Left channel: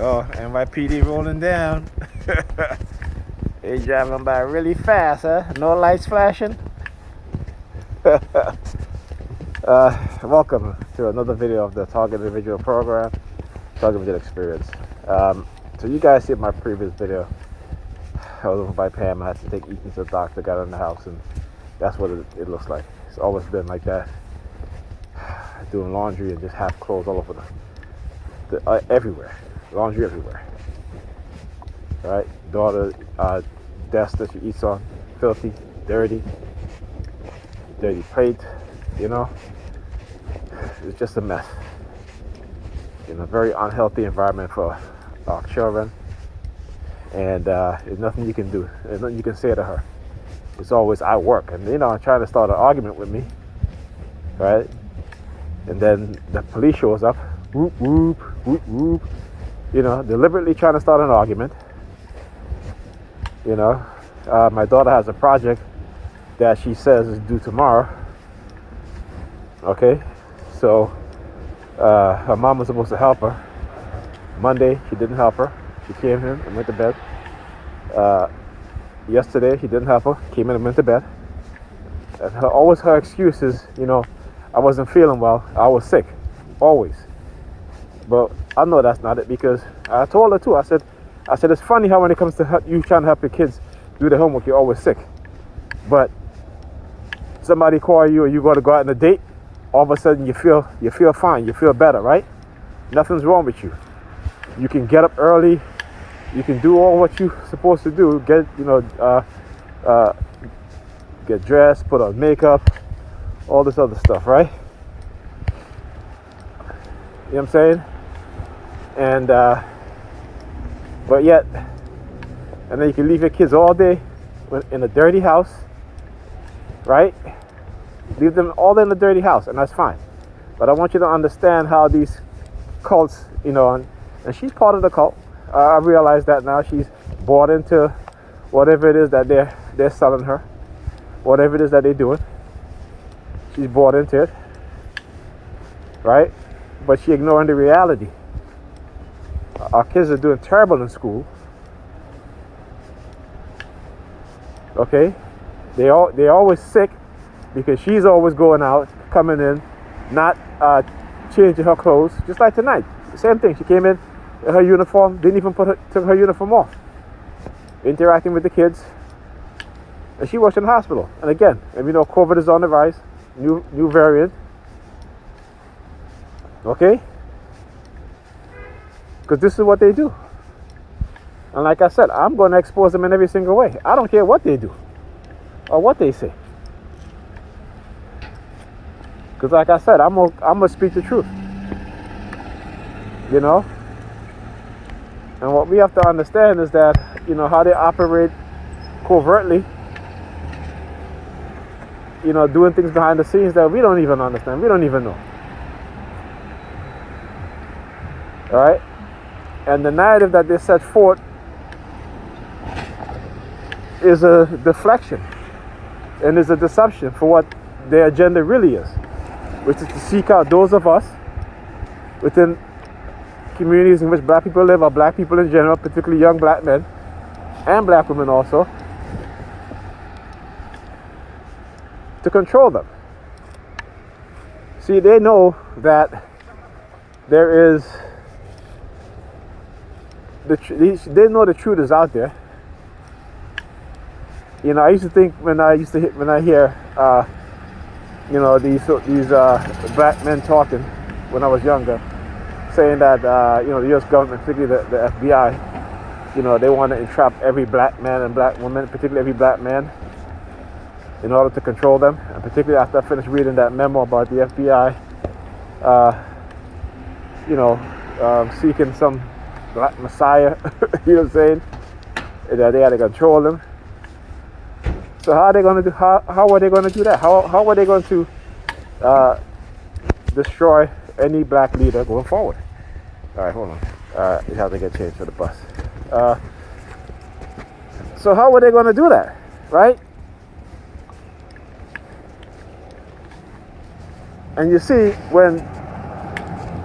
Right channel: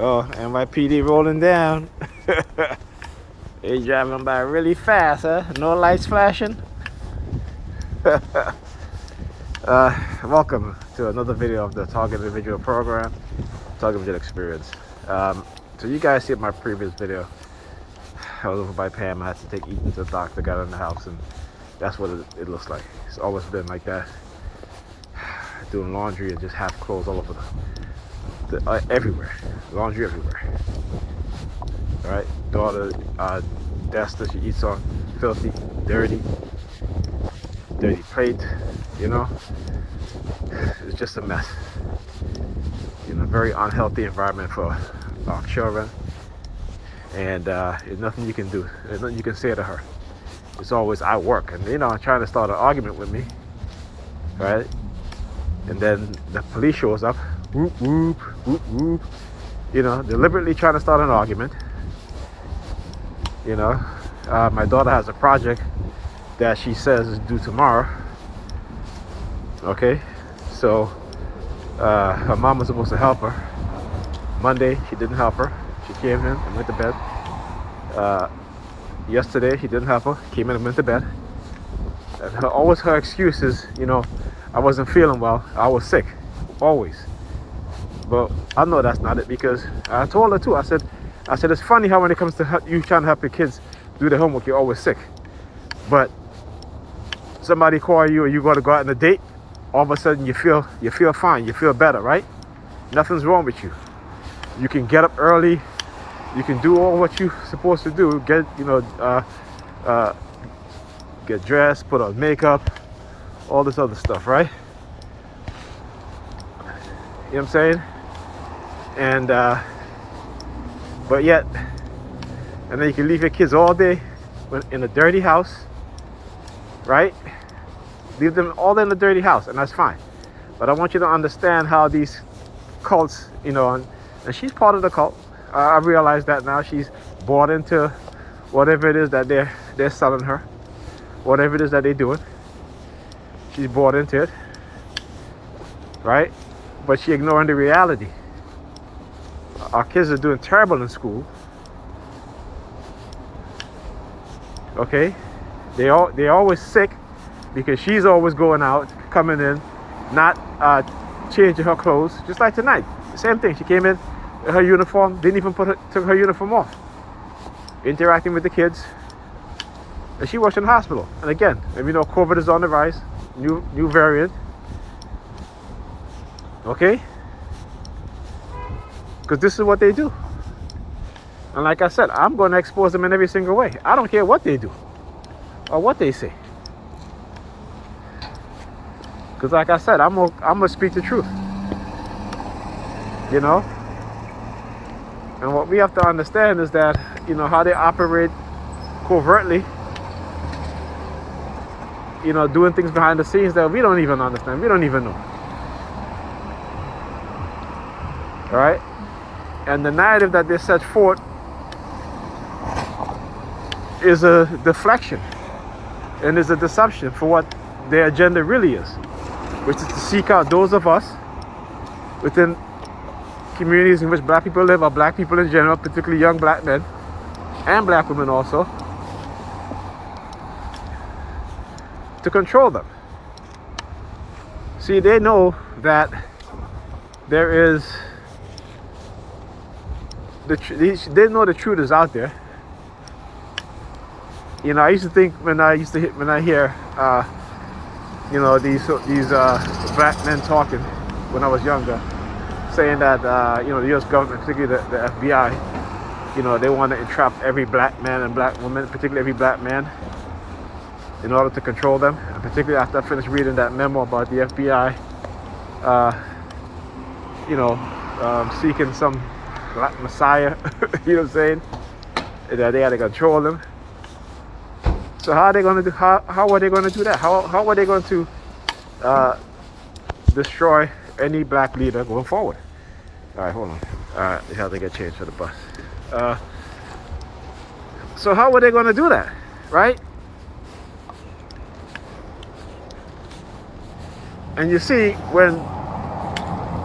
Oh, NYPD rolling down. They driving by really fast, huh? No lights flashing. Welcome to another video of the Target Individual Program, Target Individual Experience. So you guys see my previous video. I was over by Pam. I had to take Ethan to the doctor, got in the house, and that's what it looks like. It's always been like that. Doing laundry and just have clothes all over everywhere. Laundry everywhere. Right? Daughter desk that she eats on, filthy, dirty plate, you know. It's just a mess. Very unhealthy environment for our children. And there's nothing you can do. There's nothing you can say to her. It's always, I work. And, trying to start an argument with me. Right? And then the police shows up. Whoop, whoop, whoop, whoop. Deliberately trying to start an argument. My daughter has a project that she says is due tomorrow. Okay? So, her mom was supposed to help her. Monday, she didn't help her. She came in and went to bed. Yesterday, she didn't help her. Came in and went to bed. And her excuse is, I wasn't feeling well. I was sick. Always. But I know that's not it, because I told her too. I said, it's funny how when it comes to you trying to help your kids do their homework, you're always sick. But somebody call you or you got to go out on a date, all of a sudden you feel fine, you feel better, right? Nothing's wrong with you. You can get up early, you can do all what you're supposed to do, get dressed, put on makeup, all this other stuff, right? You know what I'm saying? And but yet, and then you can leave your kids all day in a dirty house, right? Leave them all in the dirty house, and that's fine. But I want you to understand how these cults, and she's part of the cult. I realize that now. She's bought into whatever it is that they're selling her, whatever it is that they're doing. She's bought into it, right? But she's ignoring the reality. Our kids are doing terrible in school. Okay, they're always sick because she's always going out, coming in, not changing her clothes. Just like tonight, same thing. She came in her uniform, didn't even took her uniform off. Interacting with the kids, and she was in the hospital. And again, COVID is on the rise, new variant. Okay, because this is what they do. And like I said, I'm going to expose them in every single way. I don't care what they do or what they say. Because like I said, I'm gonna speak the truth. And what we have to understand is that, how they operate covertly, doing things behind the scenes that we don't even understand. We don't even know. All right? And the narrative that they set forth is a deflection and is a deception for what their agenda really is, which is to seek out those of us within communities in which black people live, or black people in general, particularly young black men and black women also, to control them. See, they know that there is they know the truth is out there. I used to think when I hear these black men talking when I was younger, saying that the U.S. government, particularly the FBI, they want to entrap every black man and black woman, particularly every black man, in order to control them. And particularly after I finished reading that memo about the FBI, seeking some black messiah, you know what I'm saying, that they had to control them. So how are they going to do? How are they going to do that? How are they going to destroy any black leader going forward? All right, hold on. You have to get changed for the bus. So how are they going to do that, right? And you see, when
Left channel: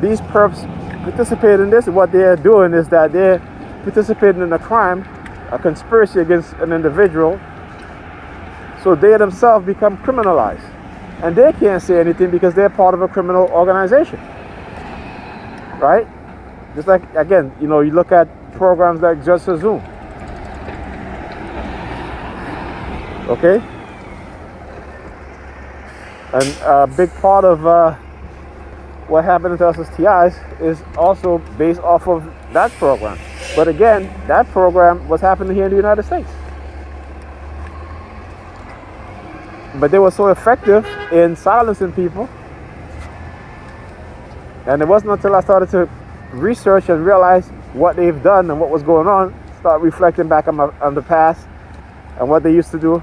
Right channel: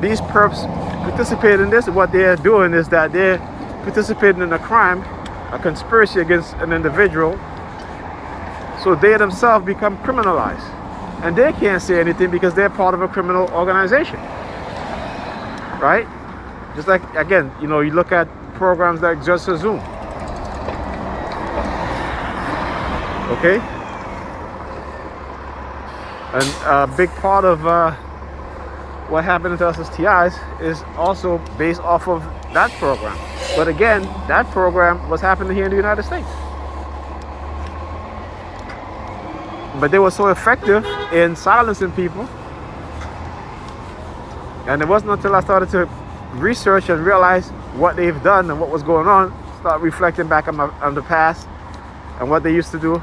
these perps participate in this, what they're doing is that they're participating in a crime, a conspiracy against an individual, so they themselves become criminalized. And they can't say anything because they're part of a criminal organization, right? Just like, again, you look at programs like Just a Zoom, okay? And a big part of what happened to us as TIs is also based off of that program. But again, that program was happening here in the United States. But they were so effective in silencing people. And it wasn't until I started to research and realize what they've done and what was going on, start reflecting back on the past and what they used to do,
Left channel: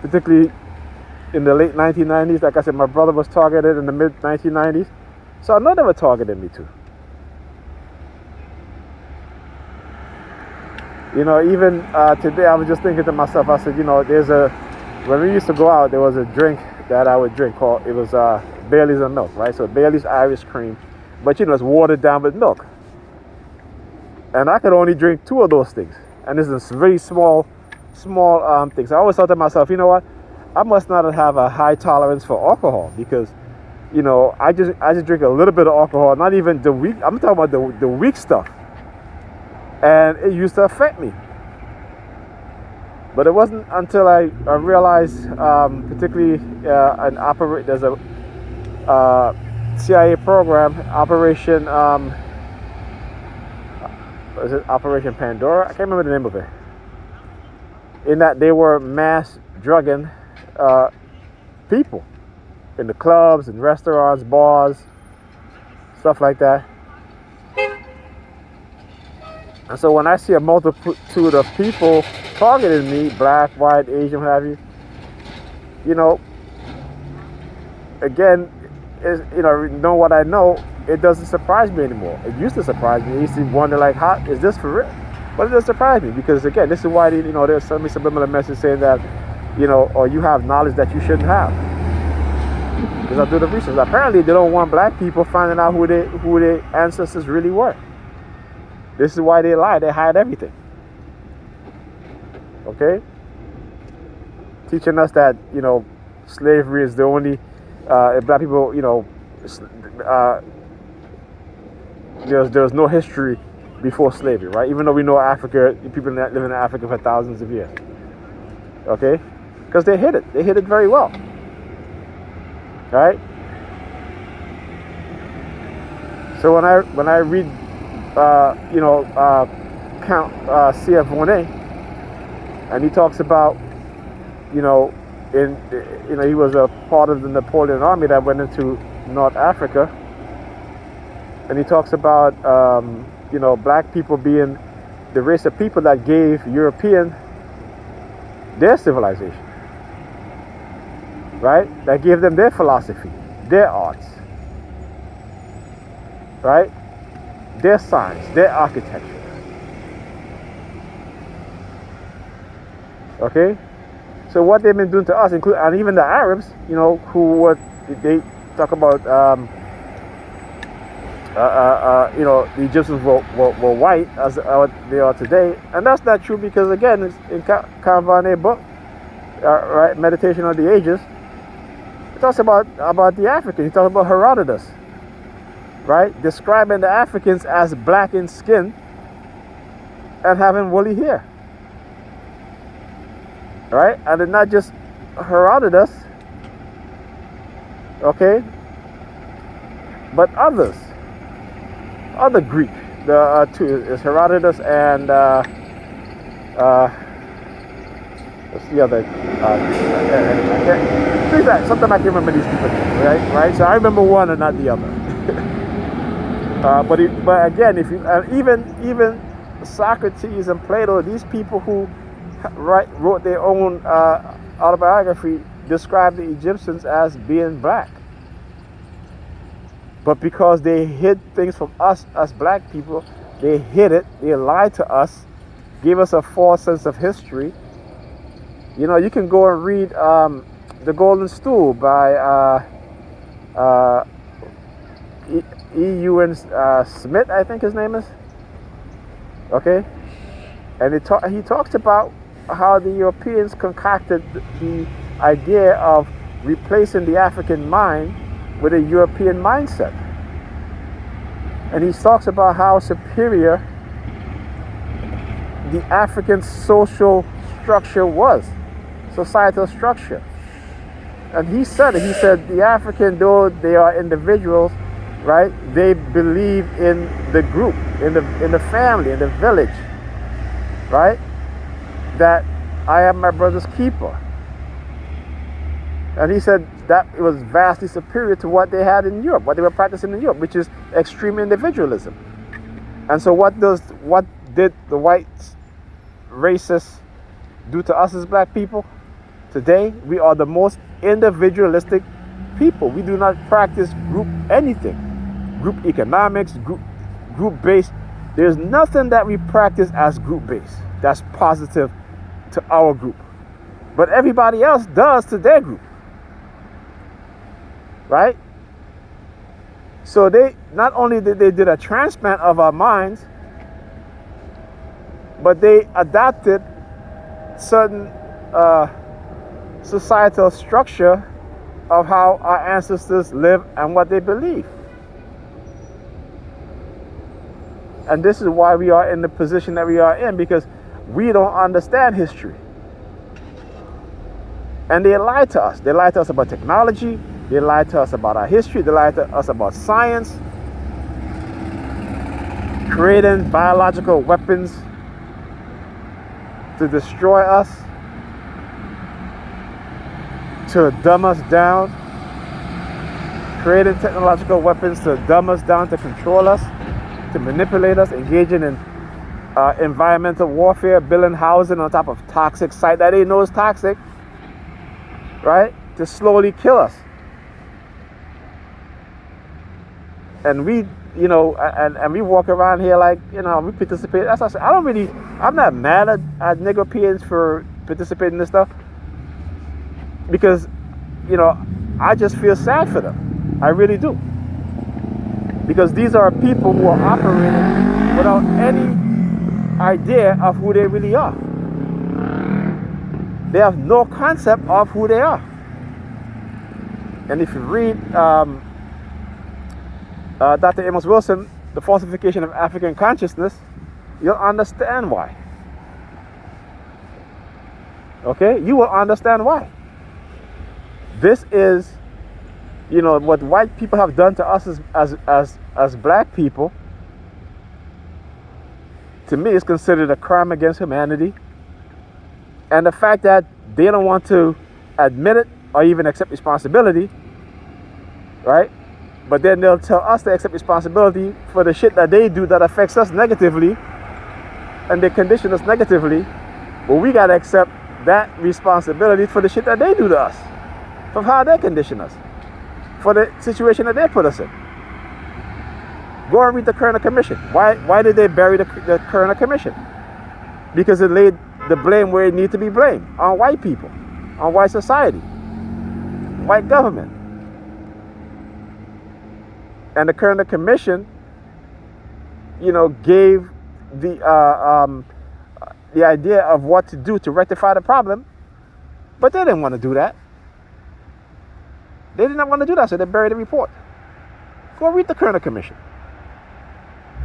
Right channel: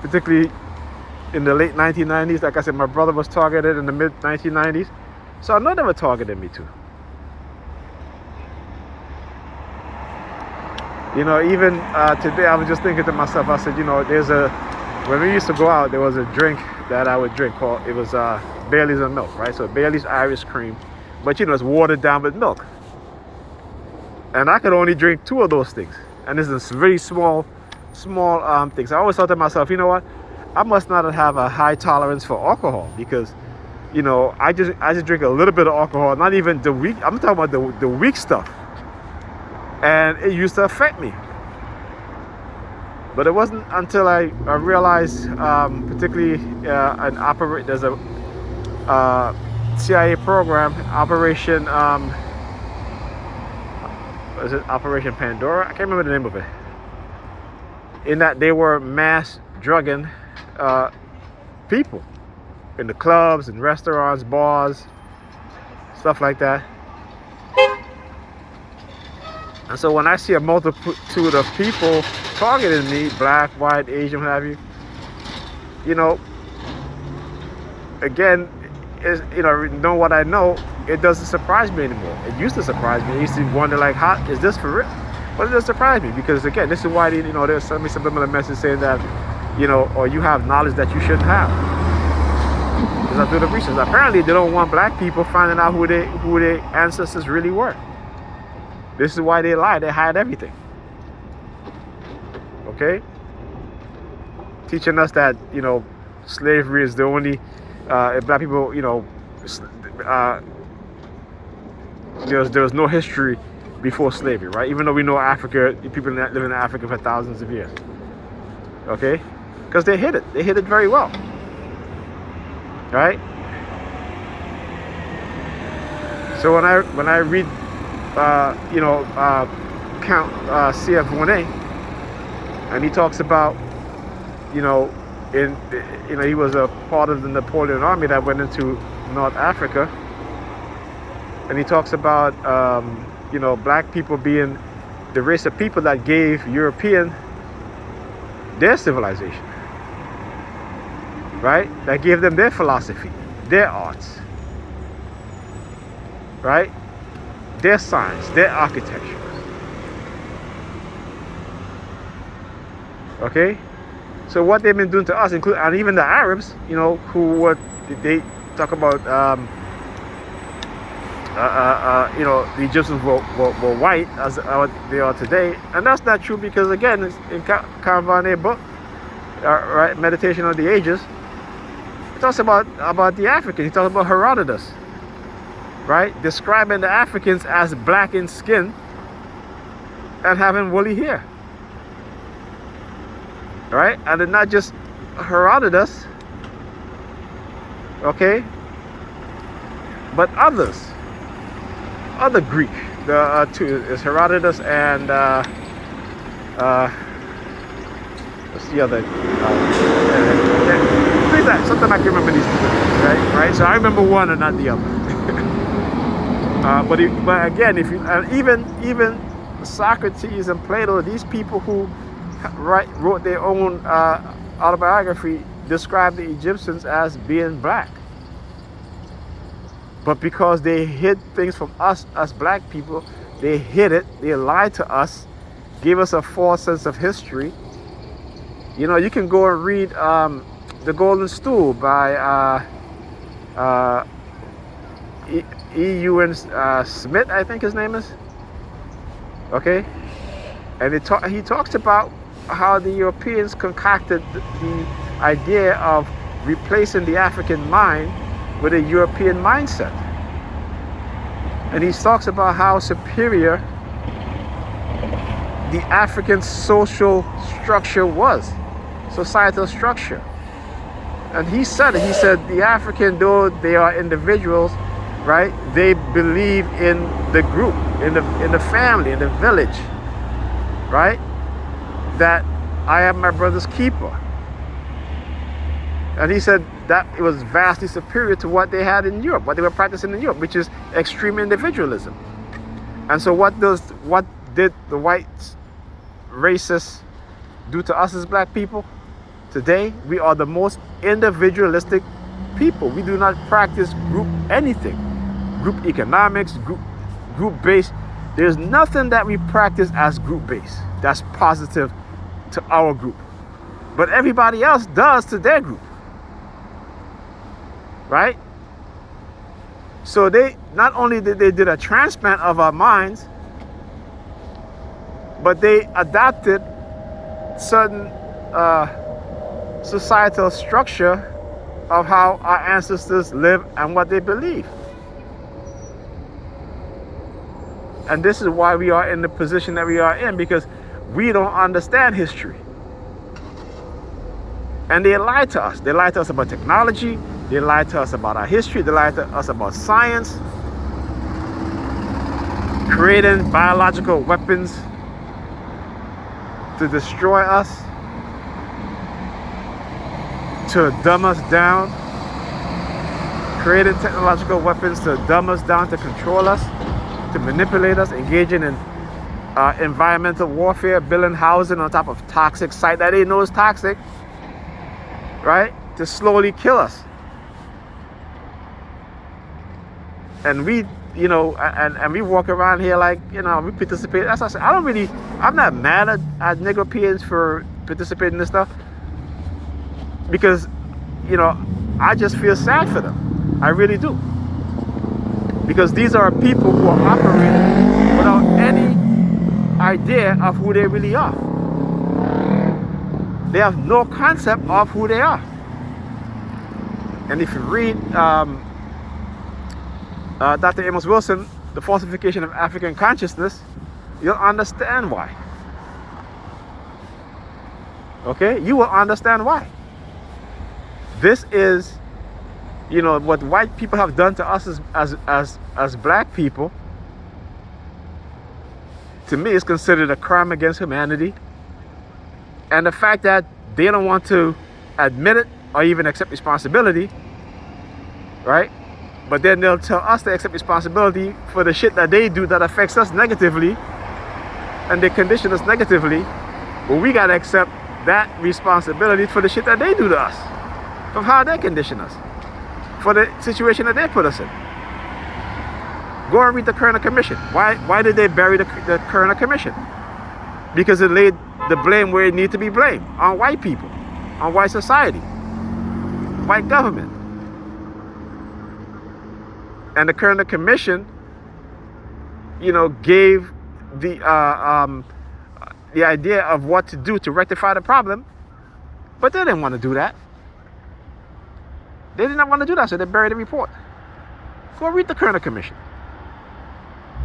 particularly in the late 1990s. Like I said, my brother was targeted in the mid 1990s. So I know they were targeting me too. Even today, I was just thinking to myself, I said, when we used to go out, there was a drink that I would drink it was Bailey's and milk, right? So Bailey's Irish cream, but it's watered down with milk. And I could only drink 2 of those things. And this is very small things. I always thought to myself, you know what? I must not have a high tolerance for alcohol because, I just drink a little bit of alcohol, not even the weak. I'm talking about the weak stuff. And it used to affect me. But it wasn't until I realized, particularly there's a CIA program, Operation, is it Operation Pandora? I can't remember the name of it. In that they were mass drugging people in the clubs and restaurants, bars, stuff like that. And so when I see a multitude of people targeting me, black, white, Asian, what have you, again, know what I know, it doesn't surprise me anymore. It used to surprise me. I used to wonder, like, how is this for real? But it doesn't surprise me because, again, this is why there's some subliminal message saying that, or you have knowledge that you shouldn't have. Because I do the research. Apparently, they don't want black people finding out who their ancestors really were. This is why they lie. They hide everything. Okay? Teaching us that, slavery is the only, black people, there was no history before slavery, right? Even though we know Africa, people that live in Africa for thousands of years. Okay? Because they hid it. They hid it very well. Right? So when I read Count C.F. Monet, and he talks about, he was a part of the Napoleon army that went into North Africa, and he talks about, black people being the race of people that gave European their civilization, right? That gave them their philosophy, their arts, right? Their science, their architecture. Okay? So what they've been doing to us, including, and even the Arabs, they talk about, the Egyptians were white as they are today. And that's not true because, again, it's in Carvan's book, right, Meditation of the Ages, he talks about the Africans. He talks about Herodotus, right? Describing the Africans as black in skin and having woolly hair. Right? And it's not just Herodotus, okay? But other Greek. The two is Herodotus and what's the other? Sometimes I can remember these people, right? So I remember one and not the other. But again, if you even Socrates and Plato, these people who wrote their own autobiography, described the Egyptians as being black. But because they hid things from us black people, they hid it, they lied to us, gave us a false sense of history. You can go and read The Golden Stool by E.U.N. Smith, I think his name is. Okay, and he talks about how the Europeans concocted the idea of replacing the African mind with a European mindset. And he talks about how superior the African social structure was, societal structure. And he said the African, though they are individuals, right, they believe in the group, in the family, in the village, right? That I am my brother's keeper. And he said that it was vastly superior to what they had in Europe, what they were practicing in Europe, which is extreme individualism. And so what did the white racists do to us as black people? Today, we are the most individualistic people. We do not practice group anything. Group economics, group-based. There's nothing that we practice as group-based that's positive to our group. But everybody else does to their group. Right? So they not only did a transplant of our minds, but they adopted certain societal structure of how our ancestors live and what they believe. And this is why we are in the position that we are in, because we don't understand history. And they lie to us. They lie to us about technology. They lie to us about our history. They lie to us about science. Creating biological weapons to destroy us, to dumb us down. Creating technological weapons to dumb us down, to control us, to manipulate us, engaging in environmental warfare, building housing on top of toxic site that they know is toxic, right? To slowly kill us. And we, and we walk around here like, we participate. That's what I said. I'm not mad at Negropeans for participating in this stuff, because, I just feel sad for them. I really do. Because these are people who are operating without any idea of who they really are. They have no concept of who they are. And if you read Dr. Amos Wilson, The Falsification of African Consciousness, you'll understand why. Okay? You will understand why. This is, what white people have done to us as black people. To me, is considered a crime against humanity. And the fact that they don't want to admit it or even accept responsibility, right? But then they'll tell us to accept responsibility for the shit that they do that affects us negatively, and they condition us negatively. Well, we gotta accept that responsibility for the shit that they do to us, from how they condition us, for the situation that they put us in. Go and read the Kerner Commission. Why did they bury the Kerner Commission? Because it laid the blame where it needed to be blamed, on white people, on white society, white government. And the Kerner Commission, gave the idea of what to do to rectify the problem, but they didn't want to do that. They did not want to do that, so they buried the report. Go read the Kerner Commission.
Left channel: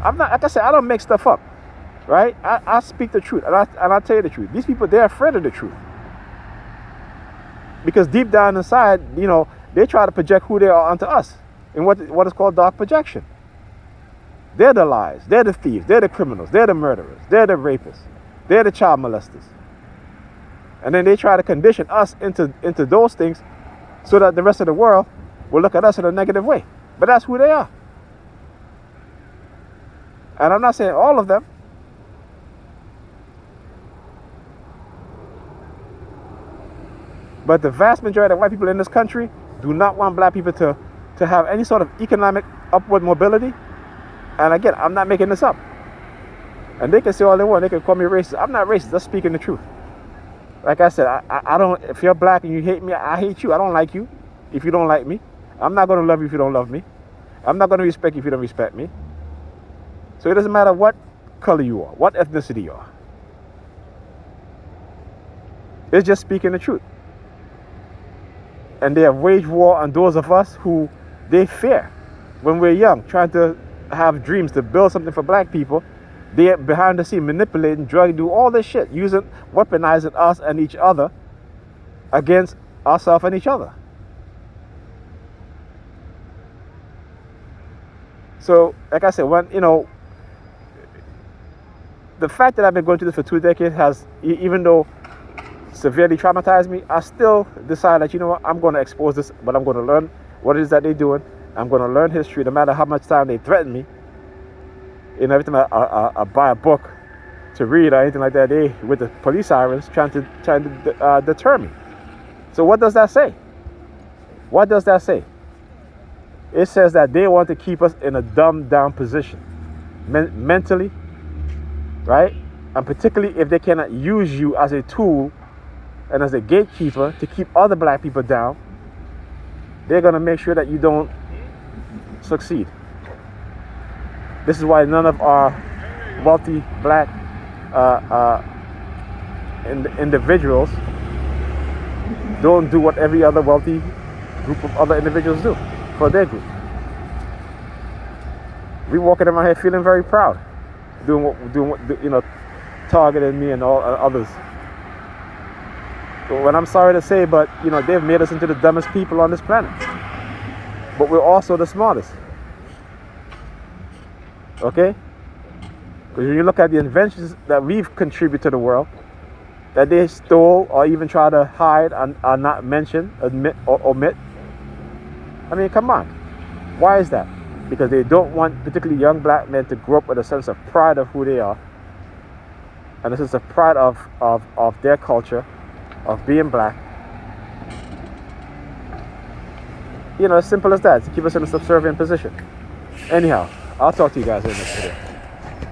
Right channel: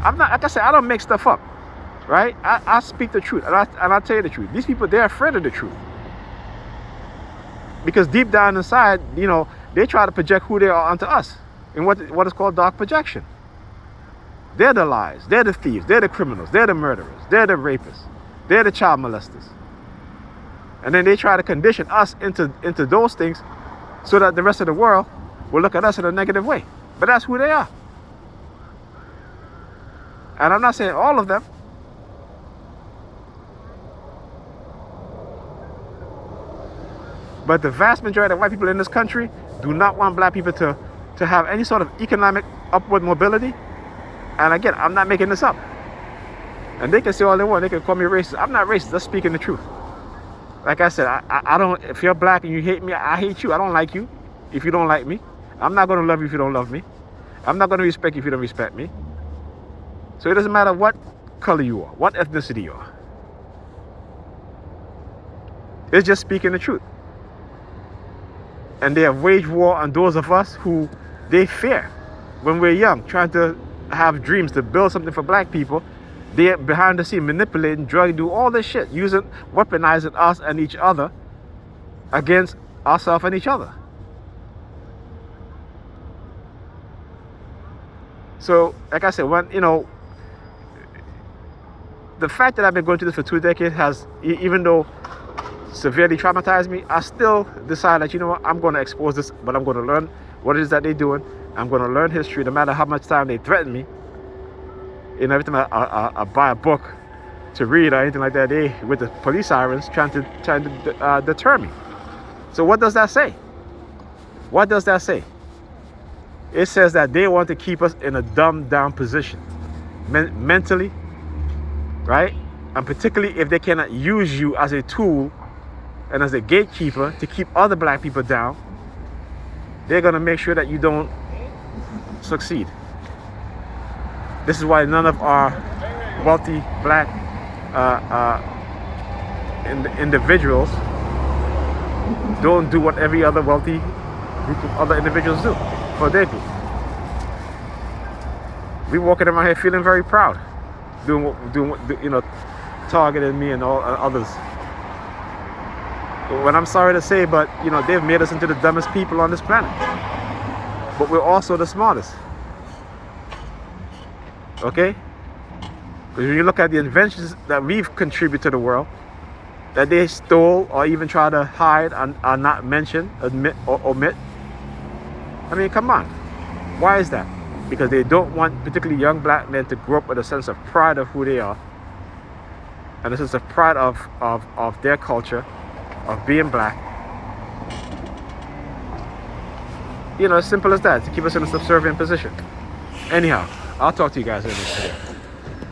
I'm not, like I said, I don't make stuff up, right? I speak the truth, and I'll tell you the truth. These people, they're afraid of the truth. Because deep down inside, they try to project who they are onto us in what is called dark projection. They're the lies, they're the thieves, they're the criminals, they're the murderers, they're the rapists, they're the child molesters. And then they try to condition us into those things so that the rest of the world will look at us in a negative way. But that's who they are. And I'm not saying all of them. But the vast majority of white people in this country do not want black people to have any sort of economic upward mobility. And again, I'm not making this up. And they can say all they want. They can call me racist. I'm not racist. I'm speaking the truth. Like I said, I don't, if you're black and you hate me, I hate you. I don't like you if you don't like me. I'm not going to love you if you don't love me. I'm not going to respect you if you don't respect me. So it doesn't matter what color you are, what ethnicity you are. It's just speaking the truth. And they have waged war on those of us who they fear when we're young, trying to have dreams to build something for black people. They're behind the scene manipulating, drugging, do all this shit, weaponizing us and each other against ourselves and each other. So, like I said, the fact that I've been going through this for 2 decades has, even though severely traumatized me, I still decide that, you know what, I'm going to expose this, but I'm going to learn what it is that they're doing. I'm going to learn history, no matter how much time they threaten me. And every time I buy a book to read or anything like that, they, with the police sirens, trying to deter me. So what does that say? What does that say? It says that they want to keep us in a dumbed down position, mentally, right? And particularly if they cannot use you as a tool and as a gatekeeper to keep other black people down, they're going to make sure that you don't succeed. This is why none of our wealthy black individuals don't do what every other wealthy group of other individuals do for their group. We walking around here feeling very proud, doing what targeting me and all others. When I'm sorry to say, but they've made us into the dumbest people on this planet. But we're also the smartest. Okay? Because when you look at the inventions that we've contributed to the world, that they stole or even try to hide and not mention, admit or omit, I mean, come on. Why is that? Because they don't want particularly young black men to grow up with a sense of pride of who they are and a sense of pride of their culture, of being black. As simple as that, to keep us in a subservient position. Anyhow, I'll talk to you guys in the next video.